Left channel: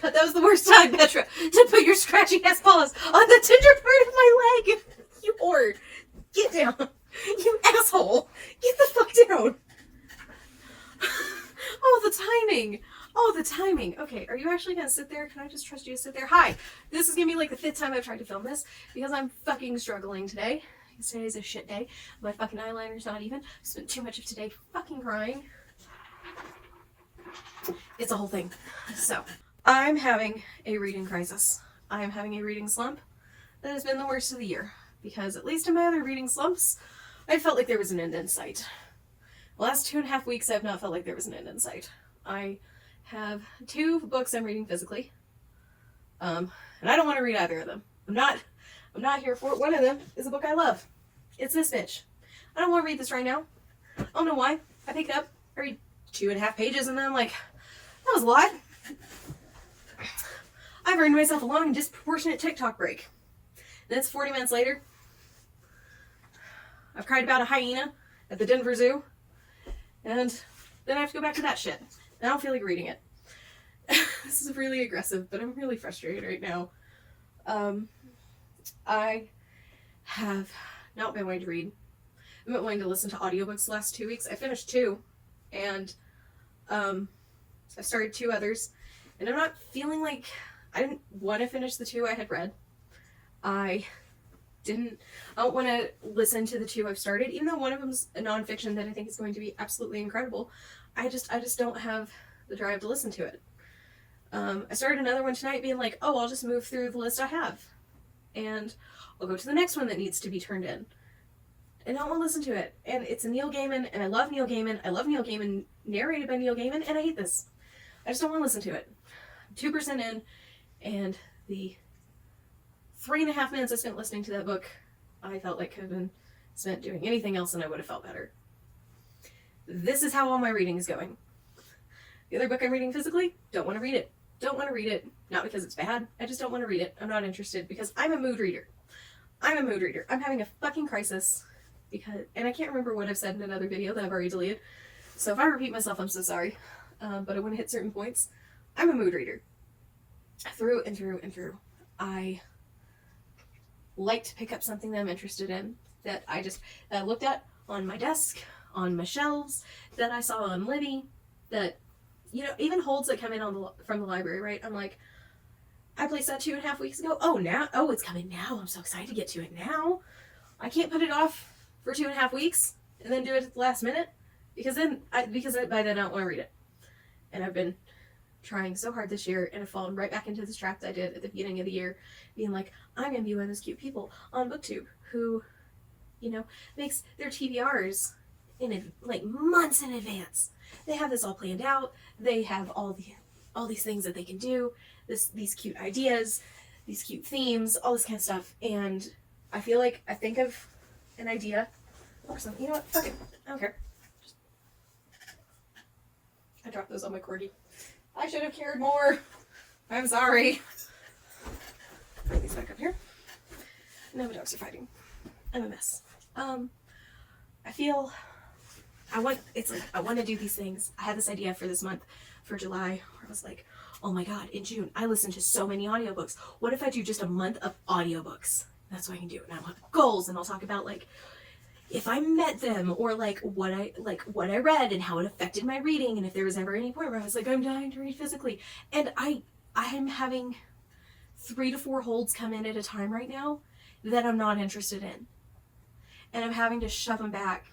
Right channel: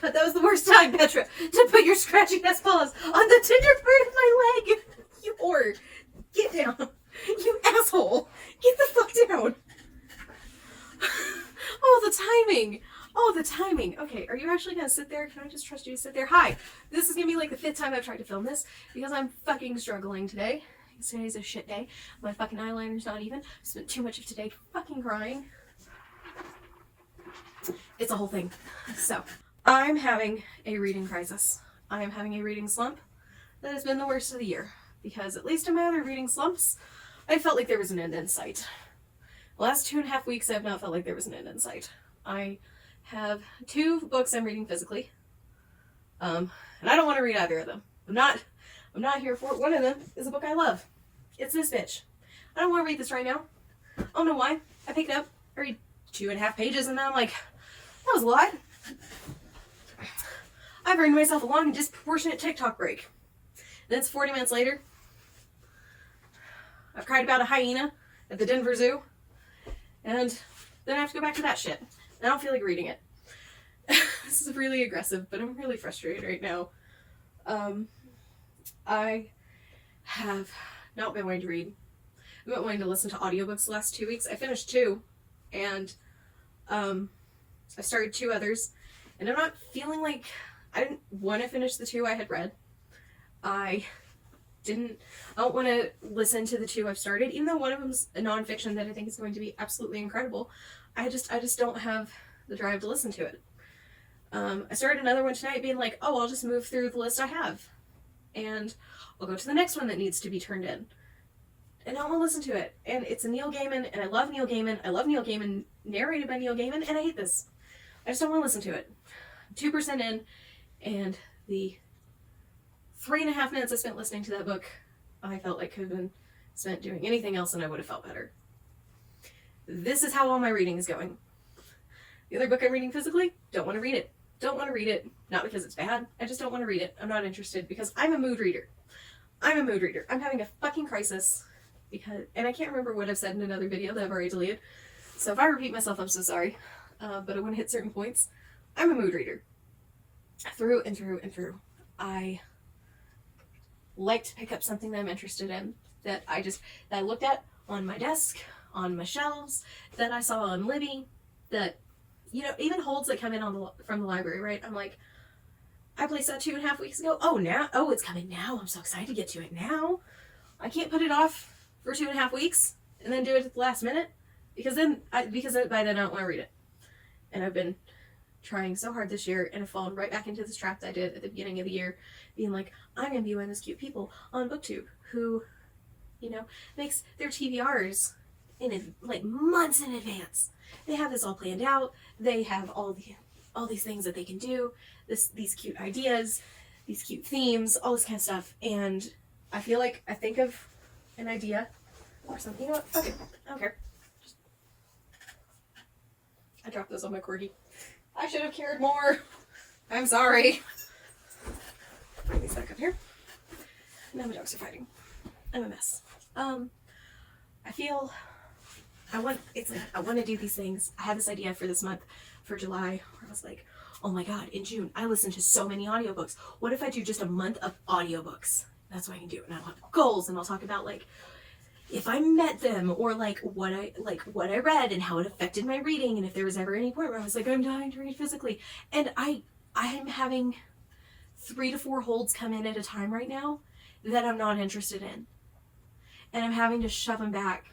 god, that was the worst time, Petra, to put your scratchy ass paws on the tender part of my leg. You whore. Get down. You asshole. Get the fuck down. Oh, the timing. Oh, the timing. Okay, are you actually gonna sit there? Can I just trust you to sit there? Hi. This is gonna be like the 5th time I've tried to film this because I'm fucking struggling today. Because today's a shit day. My fucking eyeliner's not even. I spent too much of today fucking crying. It's a whole thing. So, I'm having a reading crisis. I'm having a reading slump that has been the worst of the year. Because at least in my other reading slumps, I felt like there was an end in sight. The last 2.5 weeks, I've not felt like there was an end in sight. I have 2 books I'm reading physically. And I don't want to read either of them. I'm not here for it. One of them is a book I love. It's this bitch. I don't want to read this right now. I don't know why. I picked it up, I read 2.5 pages, and then I'm like, that was a lot. I've earned myself a long and disproportionate TikTok break. And then it's 40 minutes later. I've cried about a hyena at the Denver Zoo. And then I have to go back to that shit. I don't feel like reading it. This is really aggressive, but I'm really frustrated right now. I have not been wanting to read. I've been wanting to listen to audiobooks the last 2 weeks. I finished 2, and I started 2 others, and I'm not feeling like I didn't want to finish the 2 I had read. I don't want to listen to the 2 I've started, even though one of them's a nonfiction that I think is going to be absolutely incredible. I just don't have the drive to listen to it. I started another one tonight being like, oh, I'll just move through the list I have. And I'll go to the next one that needs to be turned in. And I don't want to listen to it. And it's a Neil Gaiman, and I love Neil Gaiman. I love Neil Gaiman, narrated by Neil Gaiman, and I hate this. I just don't want to listen to it. 2% in, and the 3.5 minutes I spent listening to that book, I felt like could have been spent doing anything else and I would have felt better. This is how all my reading is going. The other book I'm reading physically, don't want to read it. Don't want to read it. Not because it's bad. I just don't want to read it. I'm not interested because I'm a mood reader. I'm having a fucking crisis because, and I can't remember what I've said in another video that I've already deleted. So if I repeat myself, I'm so sorry. But I want to hit certain points. I'm a mood reader. Through and through and through. I like to pick up something that I'm interested in, that I looked at on my desk, on my shelves, that I saw on Libby, that, you know, even holds that come in from the library, right? I'm like, I placed that 2.5 weeks ago. Oh, it's coming now. I'm so excited to get to it now. I can't put it off for 2.5 weeks and then do it at the last minute because by then I don't want to read it. And I've been trying so hard this year, and I've fallen right back into this trap that I did at the beginning of the year, being like, I'm gonna be one of those cute people on BookTube who, you know, makes their TBRs in like months in advance. They have this all planned out. They have all these things that they can do, these cute ideas, these cute themes, all this kind of stuff. And I feel like I think of an idea or something. You know what? Fuck it. I don't care. I dropped those on my corgi. I should have cared more. I'm sorry. Bring these back up here. Now my dogs are fighting. I'm a mess. I want to do these things. I had this idea for this month, for July, where I was like, oh my god, in June, I listen to so many audiobooks. What if I do just a month of audiobooks? That's what I can do. And I want goals, and I'll talk about like if I met them, or like what I read and how it affected my reading, and if there was ever any point where I was like, I'm dying to read physically. And I'm having 3 to 4 holds come in at a time right now that I'm not interested in. And I'm having to shove them back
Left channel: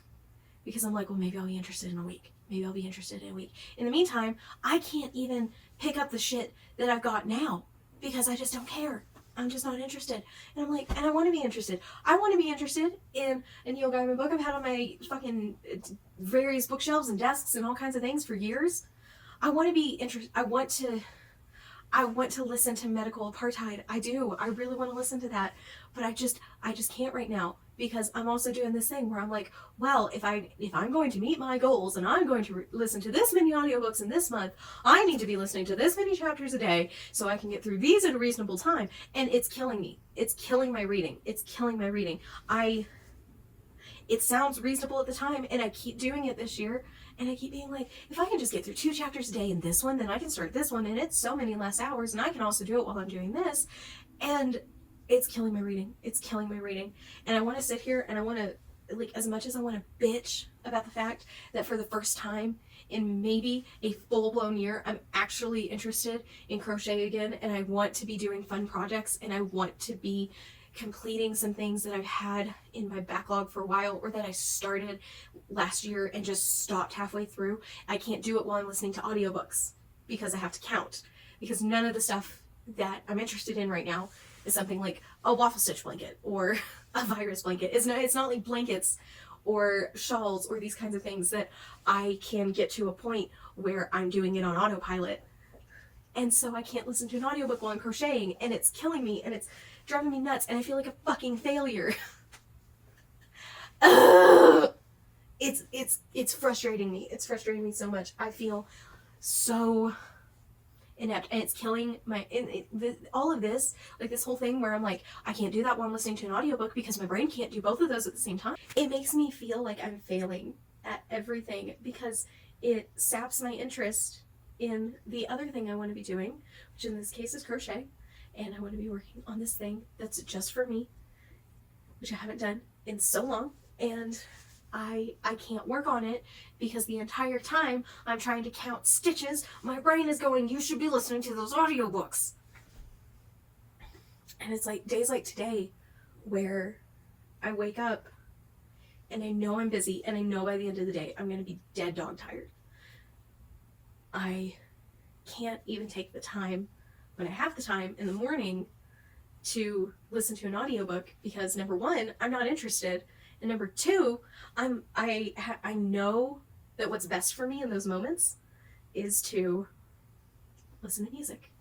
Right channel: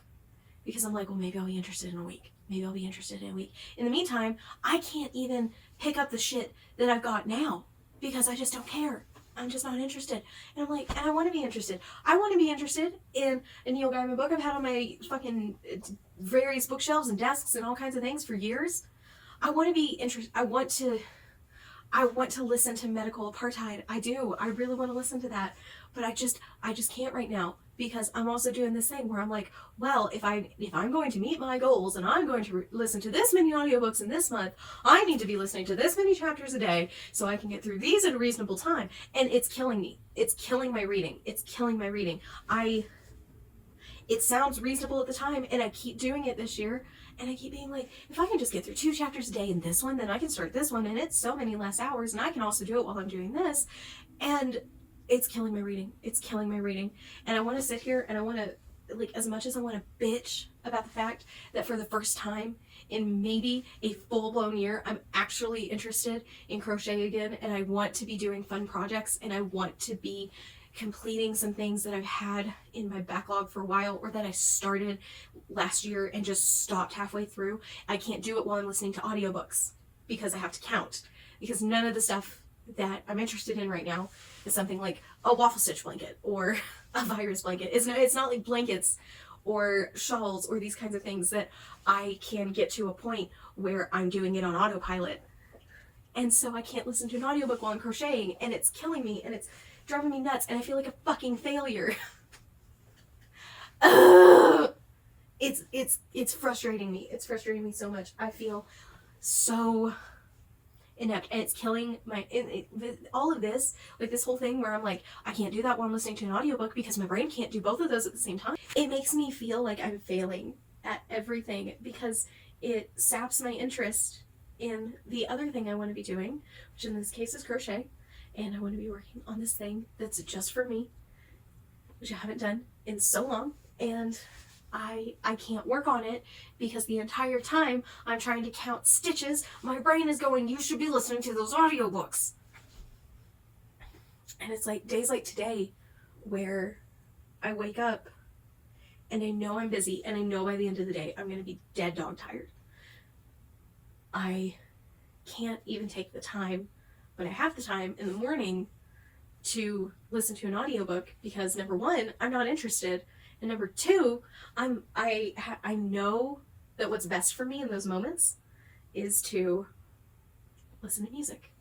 because I'm like, well, maybe I'll be interested in a week. Maybe I'll be interested in a week. In the meantime, I can't even pick up the shit that I've got now because I just don't care. I'm just not interested. And I'm like, and I want to be interested. I want to be interested in a Neil Gaiman book I've had on my fucking various bookshelves and desks and all kinds of things for years. I want to be interested. I want to listen to Medical Apartheid. I do. I really want to listen to that. But I just can't right now because I'm also doing this thing where I'm like, well, if I'm going to meet my goals and I'm going to listen to this many audiobooks in this month, I need to be listening to this many chapters a day so I can get through these in a reasonable time. And it's killing me. It's killing my reading. It sounds reasonable at the time, and I keep doing it this year, And I keep being like, if I can just get through 2 chapters a day in this one, then I can start this one, and it's so many less hours, and I can also do it while I'm doing this. And it's killing my reading. It's killing my reading. And I want to sit here and I want to, like, as much as I want to bitch about the fact that for the first time in maybe a full-blown year, I'm actually interested in crochet again, and I want to be doing fun projects, and I want to be completing some things that I've had in my backlog for a while, or that I started last year and just stopped halfway through. I can't do it while I'm listening to audiobooks because I have to count, because none of the stuff that I'm interested in right now is something like a waffle stitch blanket or a virus blanket. It's not like blankets or shawls or these kinds of things that I can get to a point where I'm doing it on autopilot. And so I can't listen to an audiobook while I'm crocheting, and it's killing me, and it's driving me nuts, and I feel like a fucking failure. It's frustrating me. It's frustrating me so much. I feel so inept, and it's killing my all of this, like this whole thing where I'm like, I can't do that while I'm listening to an audiobook because my brain can't do both of those at the same time. It makes me feel like I'm failing at everything because it saps my interest in the other thing I want to be doing, which in this case is crochet, and I want to be working on this thing that's just for me, which I haven't done in so long, and I can't work on it because the entire time I'm trying to count stitches, my brain is going, you should be listening to those audiobooks. And it's like days like today where I wake up and I know I'm busy, and I know by the end of the day I'm going to be dead dog tired. I can't even take the time when I have the time in the morning to listen to an audiobook because, number one, I'm not interested, and number two, I know that what's best for me in those moments is to listen to music.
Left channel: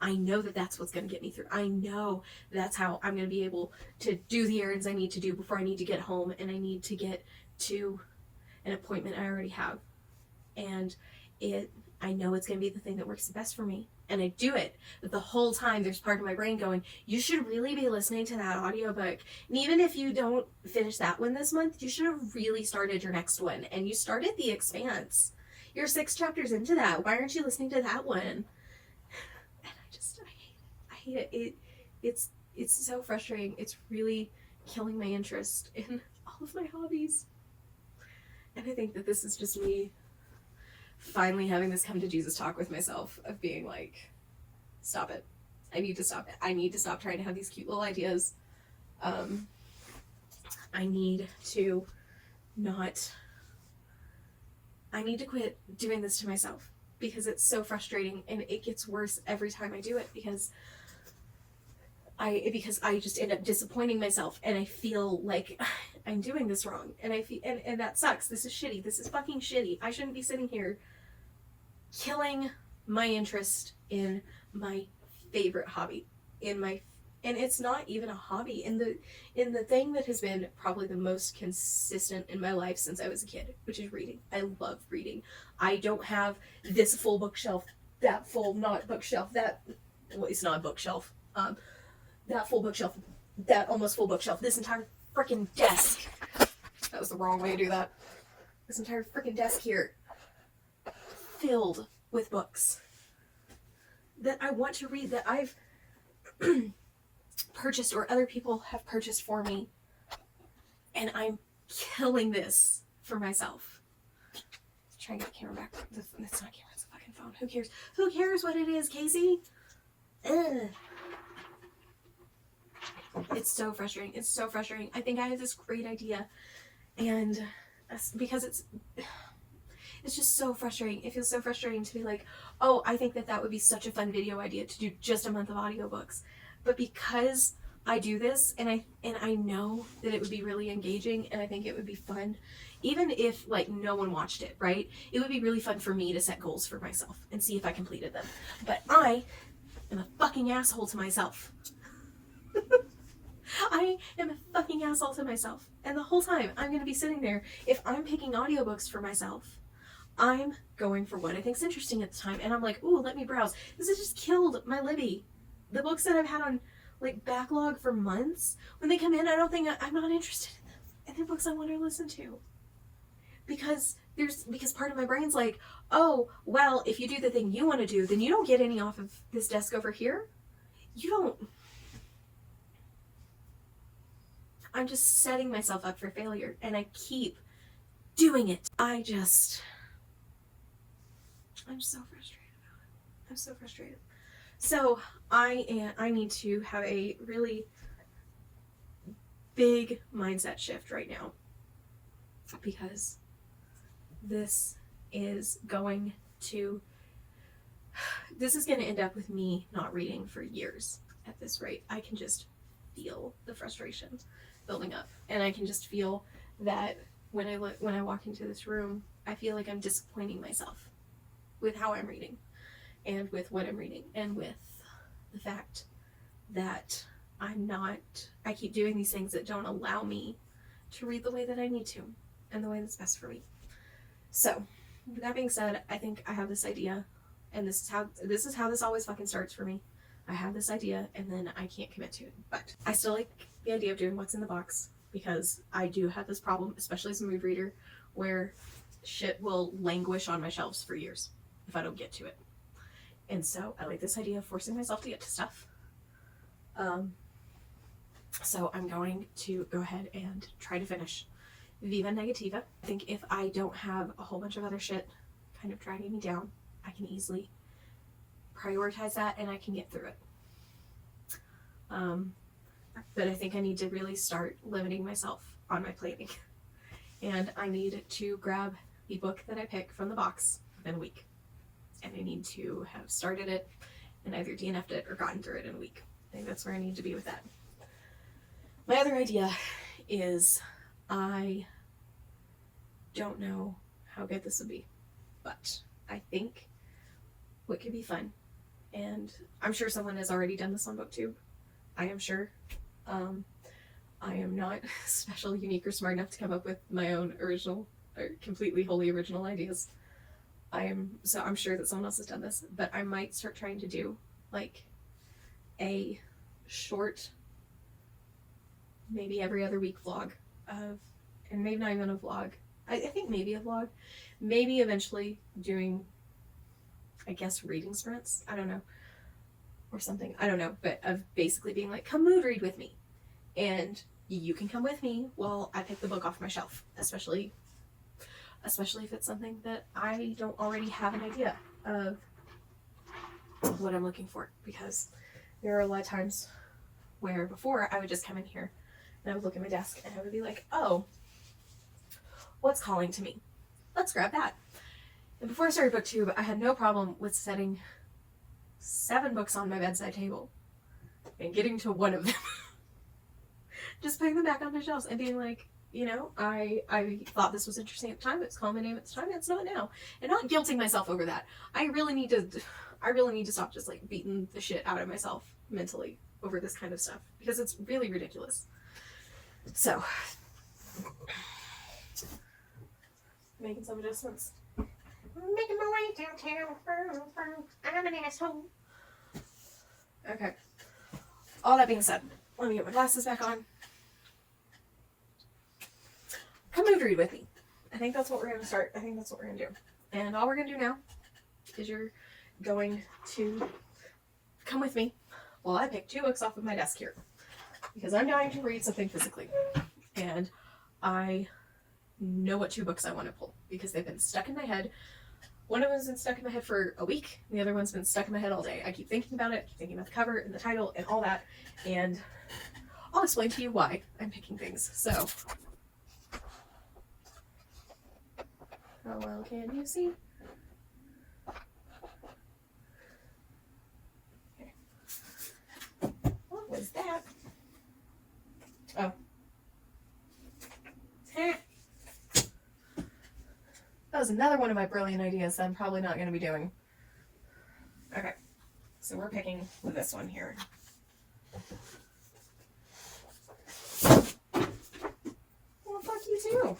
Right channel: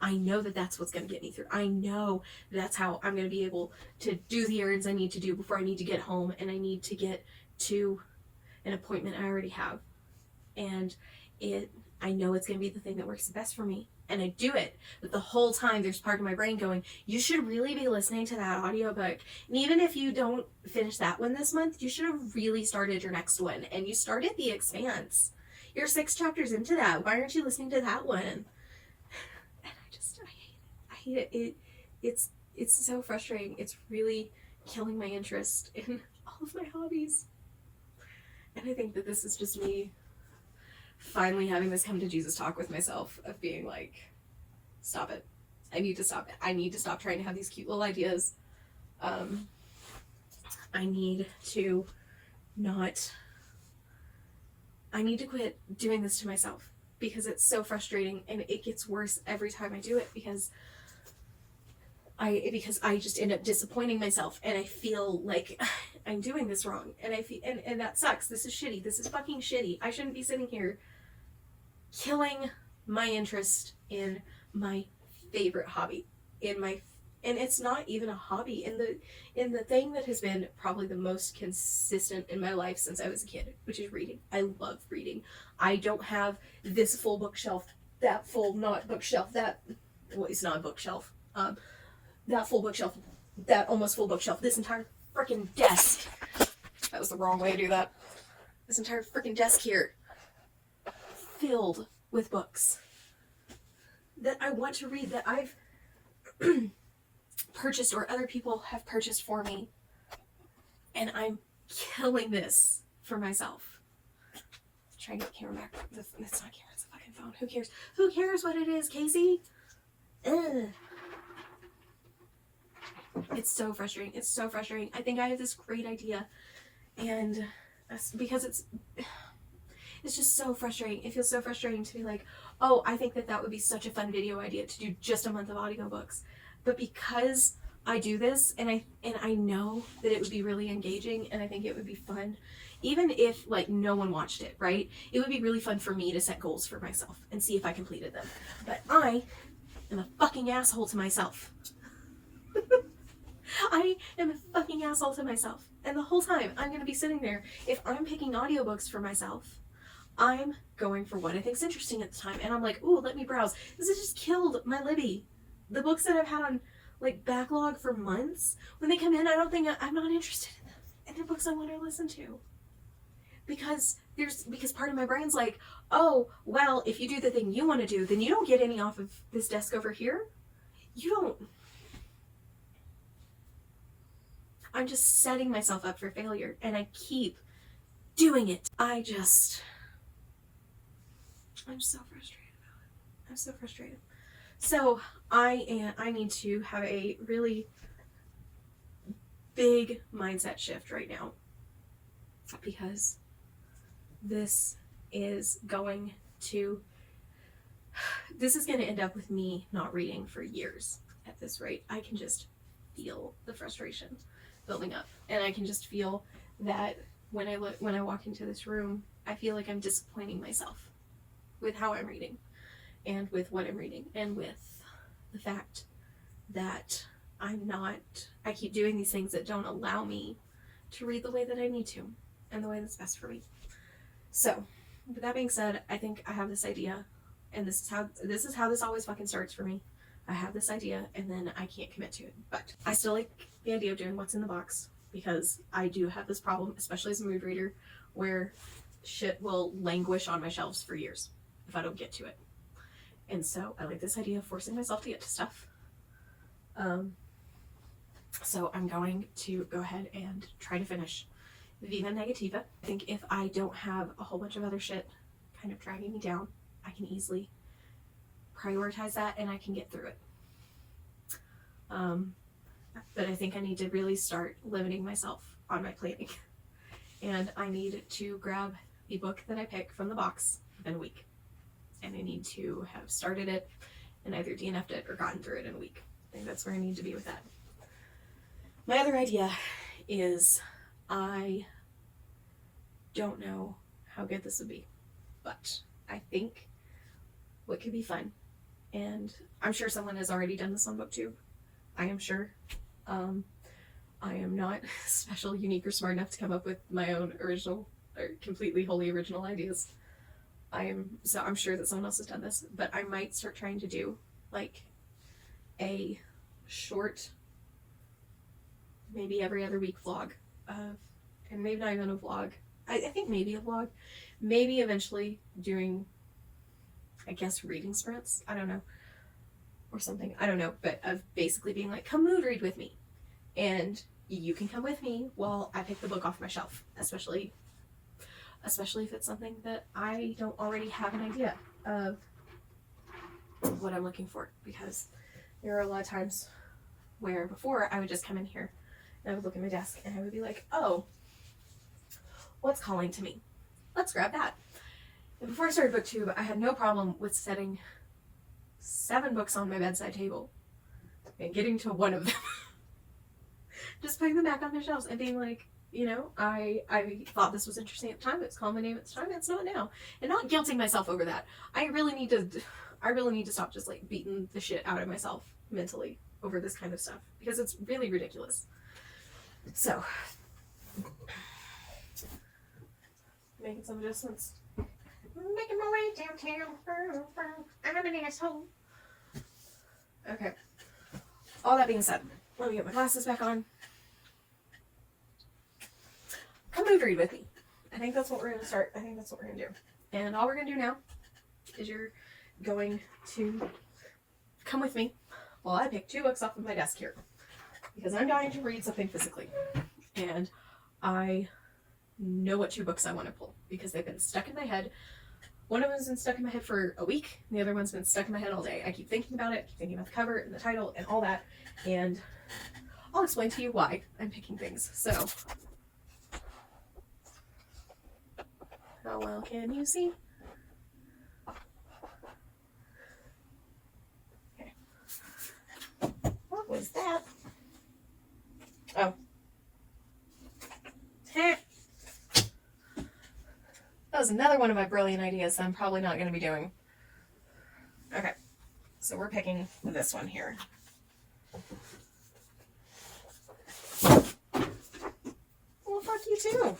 I know that that's what's going to get me through. I know that's how I'm going to be able to do the errands I need to do before I need to get home, and I need to get to an appointment I already have. And I know it's going to be the thing that works the best for me, and I do it. But the whole time there's part of my brain going, you should really be listening to that audiobook. And even if you don't finish that one this month, you should have really started your next one. And you started The Expanse. You're 6 chapters into that. Why aren't you listening to that one? And I hate it. It's so frustrating. It's really killing my interest in all of my hobbies. And I think that this is just me finally having this come to Jesus talk with myself of being like, stop it. I need to stop it. I need to stop trying to have these cute little ideas. I need to quit doing this to myself because it's so frustrating, and it gets worse every time I do it because I just end up disappointing myself, and I feel like I'm doing this wrong, and and that sucks. This is shitty. This is fucking shitty. I shouldn't be sitting here killing my interest in my favorite hobby, and it's not even a hobby, in the thing that has been probably the most consistent in my life since I was a kid, which is reading. I love reading. I don't have this full bookshelf, that full not bookshelf, it's not a bookshelf, that full bookshelf, that almost full bookshelf, this entire freaking desk. That was the wrong way to do that. This entire freaking desk here filled with books that I want to read, that I've purchased or other people have purchased for me, and I'm killing this for myself. Let's try and get the camera back. It's not a camera, it's a fucking phone. Who cares? Who cares what it is, Casey? Ugh. It's so frustrating. It's so frustrating. I think I have this great idea, and because it's just so frustrating. It feels so frustrating to be like, oh, I think that would be such a fun video idea to do just a month of audiobooks. But because I do this, and I know that it would be really engaging, and I think it would be fun, even if like no one watched it, right? It would be really fun for me to set goals for myself and see if I completed them. But I am a fucking asshole to myself. I am a fucking asshole to myself. And the whole time I'm going to be sitting there, if I'm picking audiobooks for myself, I'm going for what I think's interesting at the time. And I'm like, oh, let me browse. This has just killed my Libby. The books that I've had on like backlog for months, when they come in, I'm not interested in them. And they're books I want to listen to. Because because part of my brain's like, oh, well, if you do the thing you want to do, then you don't get any off of this desk over here. You don't. I'm just setting myself up for failure, and I keep doing it. I'm so frustrated about it. I'm so frustrated. So I need to have a really big mindset shift right now, because this is going to end up with me not reading for years at this rate. I can just feel the frustration building up, and I can just feel that when I walk into this room, I feel like I'm disappointing myself with how I'm reading, and with what I'm reading, and with the fact that I keep doing these things that don't allow me to read the way that I need to, and the way that's best for me. So, with that being said, I think I have this idea, and this is how this always fucking starts for me. I have this idea, and then I can't commit to it. But I still like the idea of doing what's in the box, because I do have this problem, especially as a mood reader, where shit will languish on my shelves for years if I don't get to it. And so I like this idea of forcing myself to get to stuff. So I'm going to go ahead and try to finish Viva Negativa. I think if I don't have a whole bunch of other shit kind of dragging me down, I can easily prioritize that and I can get through it. But I think I need to really start limiting myself on my planning. And I need to grab the book that I pick from the box within a week. And I need to have started it and either DNF'd it or gotten through it in a week. I think that's where I need to be with that. My other idea is I don't know how good this would be, but I think what could be fun, and I'm sure someone has already done this on BookTube. I am sure. I am not special, unique, or smart enough to come up with my own original or completely wholly original ideas. I'm sure that someone else has done this, but I might start trying to do like a short, maybe every other week vlog of, and maybe not even a vlog. I think maybe a vlog, maybe eventually doing, I guess, reading sprints. I don't know, or something. I don't know, but of basically being like, come mood read with me, and you can come with me while I pick the book off my shelf, especially if it's something that I don't already have an idea of what I'm looking for, because there are a lot of times where before I would just come in here and I would look at my desk and I would be like, oh, what's calling to me? Let's grab that. And before I started BookTube, I had no problem with setting 7 books on my bedside table and getting to one of them. Just putting them back on my shelves and being like, you know, I thought this was interesting at the time. It's called my name at the time. It's not now. And not guilting myself over that. I really need to stop just like beating the shit out of myself mentally over this kind of stuff, because it's really ridiculous. So, making some adjustments. Making my way downtown. I'm an asshole. Okay. All that being said, let me get my glasses back on. Come mood read with me. I think that's what we're going to start. I think that's what we're going to do. And all we're going to do now is you're going to come with me while I pick 2 books off of my desk here, because I'm dying to read something physically. And I know what 2 books I want to pull, because they've been stuck in my head. One of them has been stuck in my head for a week, and the other one's been stuck in my head all day. I keep thinking about it, keep thinking about the cover and the title and all that, and I'll explain to you why I'm picking things. So, how well can you see? Okay. What was that? Oh. That was another one of my brilliant ideas that I'm probably not going to be doing. Okay. So we're picking this one here. Well, fuck you too.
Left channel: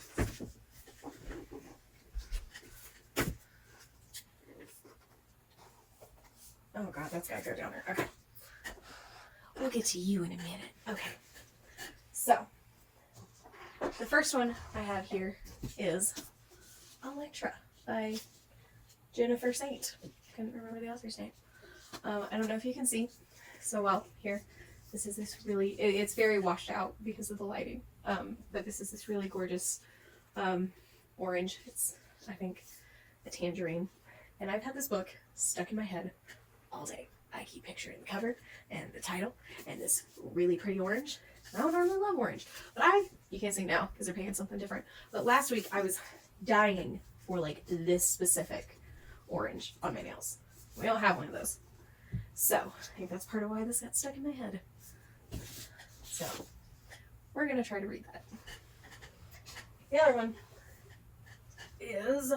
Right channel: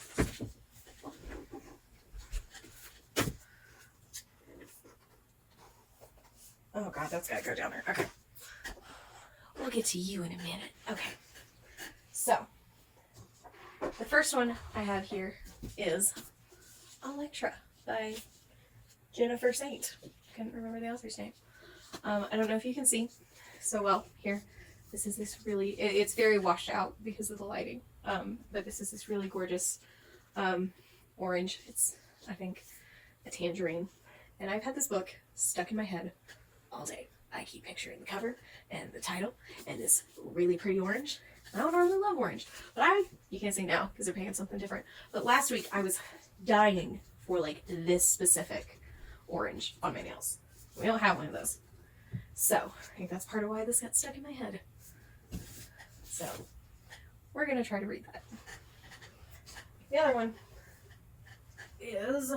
Oh god, that's gotta go down there. Okay. We'll get to you in a minute. Okay. So, the first one I have here is Electra by Jennifer Saint. Couldn't remember the author's name. I don't know if you can see so well here. This is this really, it's very washed out because of the lighting. But this is this really gorgeous orange. It's, I think, a tangerine. And I've had this book stuck in my head all day. I keep picturing the cover and the title and this really pretty orange. I don't really love orange, but you can't see now because they're painting something different. But last week I was dying for like this specific orange on my nails. We don't have one of those. So I think that's part of why this got stuck in my head. So we're going to try to read that. The other one is,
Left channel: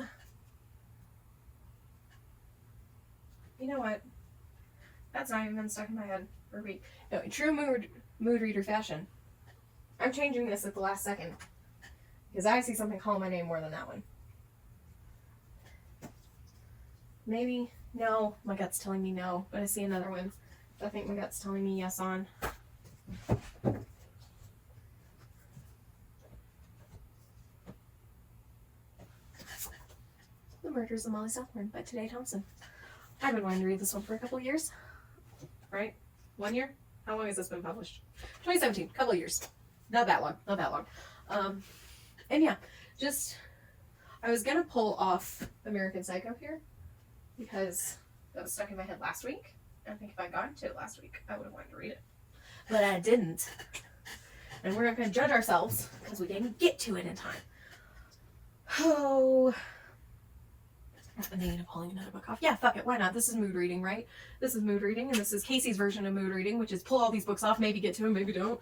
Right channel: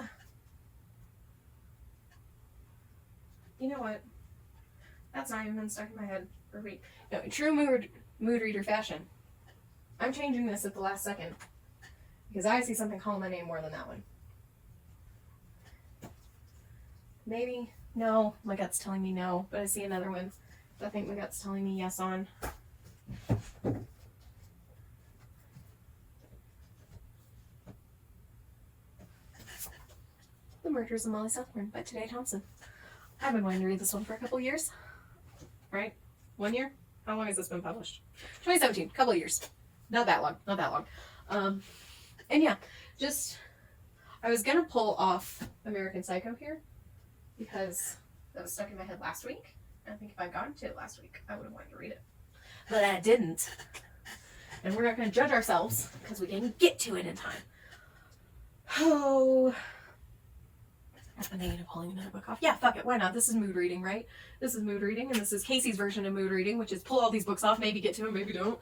you know what? That's not even been stuck in my head for a week. No, in true mood reader fashion, I'm changing this at the last second because I see something calling my name more than that one. Maybe, no, my gut's telling me no, but I see another one that I think my gut's telling me yes on. The Murders of Molly Southbourne by Tanae Thompson. I've been wanting to read this one for a couple years. Right? 1 year? How long has this been published? 2017. Couple of years. Not that long. Not that long. And yeah, just, I was going to pull off American Psycho here because that was stuck in my head last week. I think if I'd gotten to it last week, I would have wanted to read it. But I didn't. And we're not going to judge ourselves because we didn't get to it in time. Oh. I've been thinking of pulling another book off. Yeah, fuck it. Why not? This is mood reading, right? This is mood reading, and this is Casey's version of mood reading, which is pull all these books off, maybe get to them, maybe don't.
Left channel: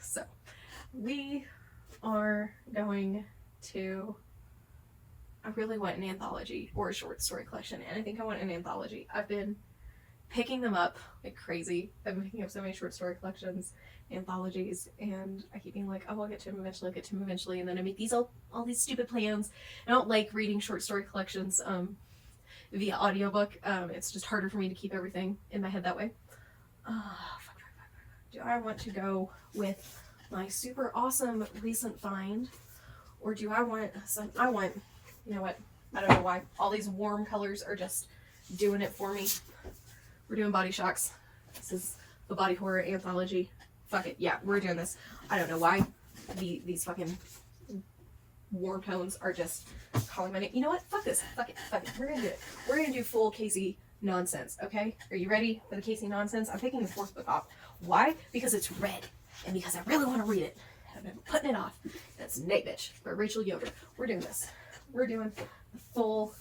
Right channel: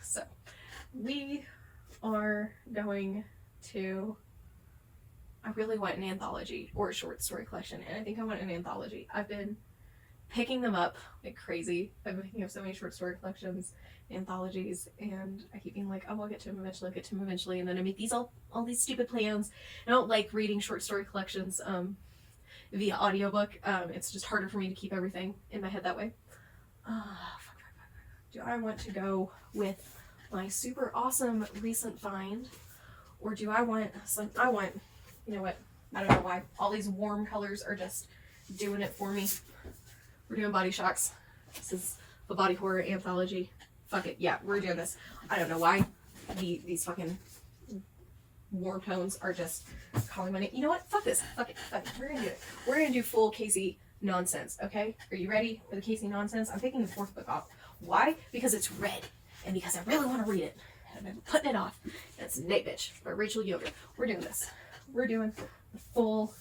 So, we are going to... I really want an anthology or a short story collection, and I think I want an anthology. I've been picking them up like crazy. I've been picking up so many short story collections, anthologies, and I keep being like, oh, I'll get to them eventually, I'll get to them eventually, and then I make these all these stupid plans. I don't like reading short story collections via audiobook. It's just harder for me to keep everything in my head that way. Do I want to go with my super awesome recent find, or do I want you know what, I don't know why, all these warm colors are just doing it for me. We're doing Body Shocks. This is the body horror anthology. Fuck it, yeah, we're doing this. I don't know why these fucking warm tones are just calling my name. You know what? Fuck this. Fuck it. Fuck it. We're gonna do it. We're gonna do full Casey nonsense, okay? Are you ready for the Casey nonsense? I'm picking the fourth book off. Why? Because it's red, and because I really want to read it. And I've been putting it off. And it's Night Bitch by Rachel Yoder. We're doing this. We're doing the full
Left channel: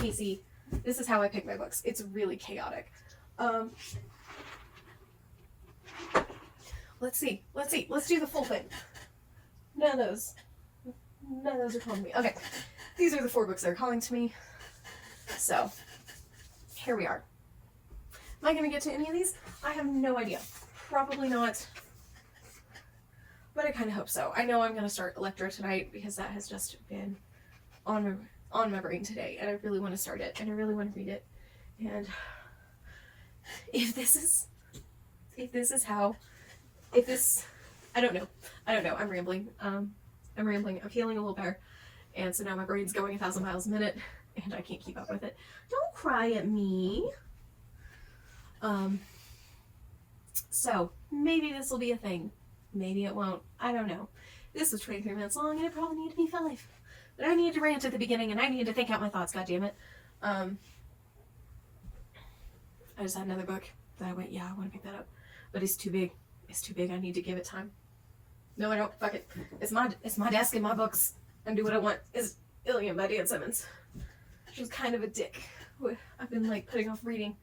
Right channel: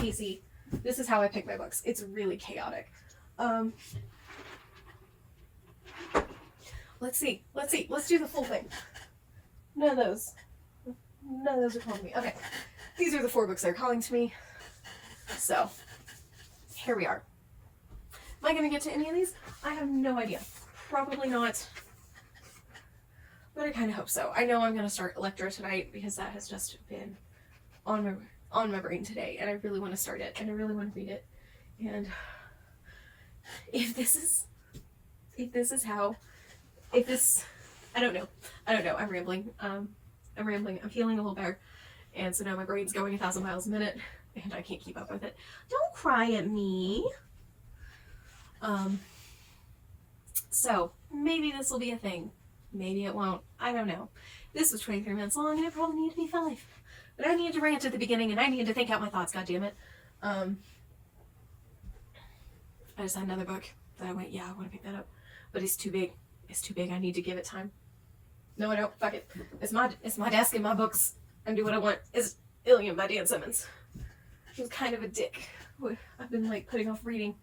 Casey. This is how I pick my books. It's really chaotic. Let's see. Let's do the full thing. None of those are calling me. Okay. These are the 4 books that are calling to me. So, here we are. Am I going to get to any of these? I have no idea. Probably not. But I kind of hope so. I know I'm going to start Electra tonight because that has just been on my brain today. And I really want to start it. And I really want to read it. And if this I don't know. I'm rambling. I'm feeling a little better. And so now my brain's going 1,000 miles a minute and I can't keep up with it. Don't cry at me. So maybe this will be a thing. Maybe it won't. I don't know. This was 23 minutes long and it probably needed to be 5. But I needed to rant at the beginning and I needed to think out my thoughts, goddammit. I just had another book that I went, yeah, I want to pick that up. But it's too big. It's too big. I need to give it time. No, I don't. Fuck it. It's my desk and my books. And do what I want. Is Ilium by Dan Simmons. She was kind of a dick. I've been like putting off reading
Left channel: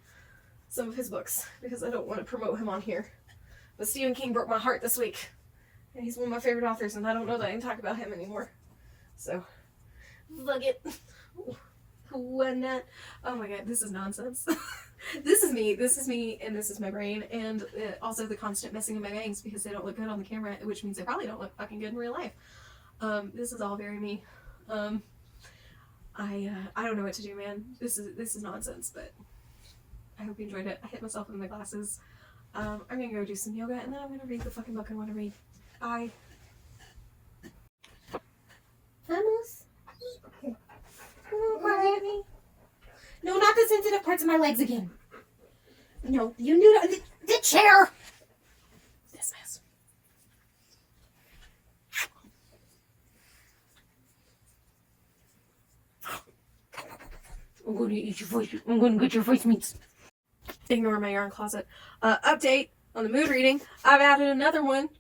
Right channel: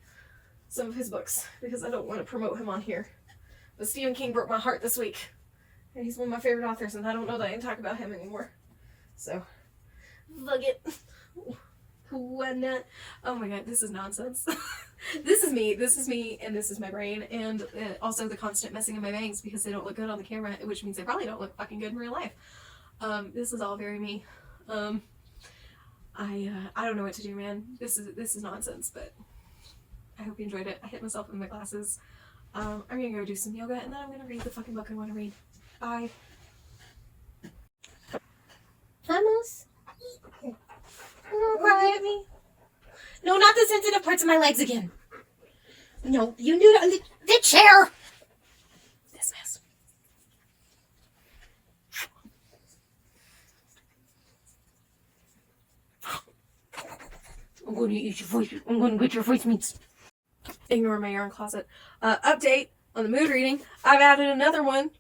some of his books because I don't want to promote him on here. But Stephen King broke my heart this week. And he's one of my favorite authors and I don't know that I can talk about him anymore. So, fuck it. Why not? Oh my god, this is nonsense. This is me, and this is my brain, and also the constant messing of my bangs because they don't look good on the camera, which means they probably don't look fucking good in real life. This is all very me. I don't know what to do, man. This is nonsense, but I hope you enjoyed it. I hit myself in my glasses. I'm gonna go do some yoga, and then I'm gonna read the fucking book I want to read. Bye. Vamos. Cry. No, not the sensitive parts of my legs again. No, you can do it on the chair. This mess. I'm going to eat your voice. I'm going to get your voice meats. Ignore my yarn closet. Update on the mood reading. I've added another one.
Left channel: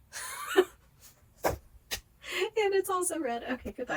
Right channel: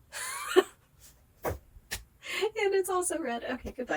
And it's also red. Okay, goodbye.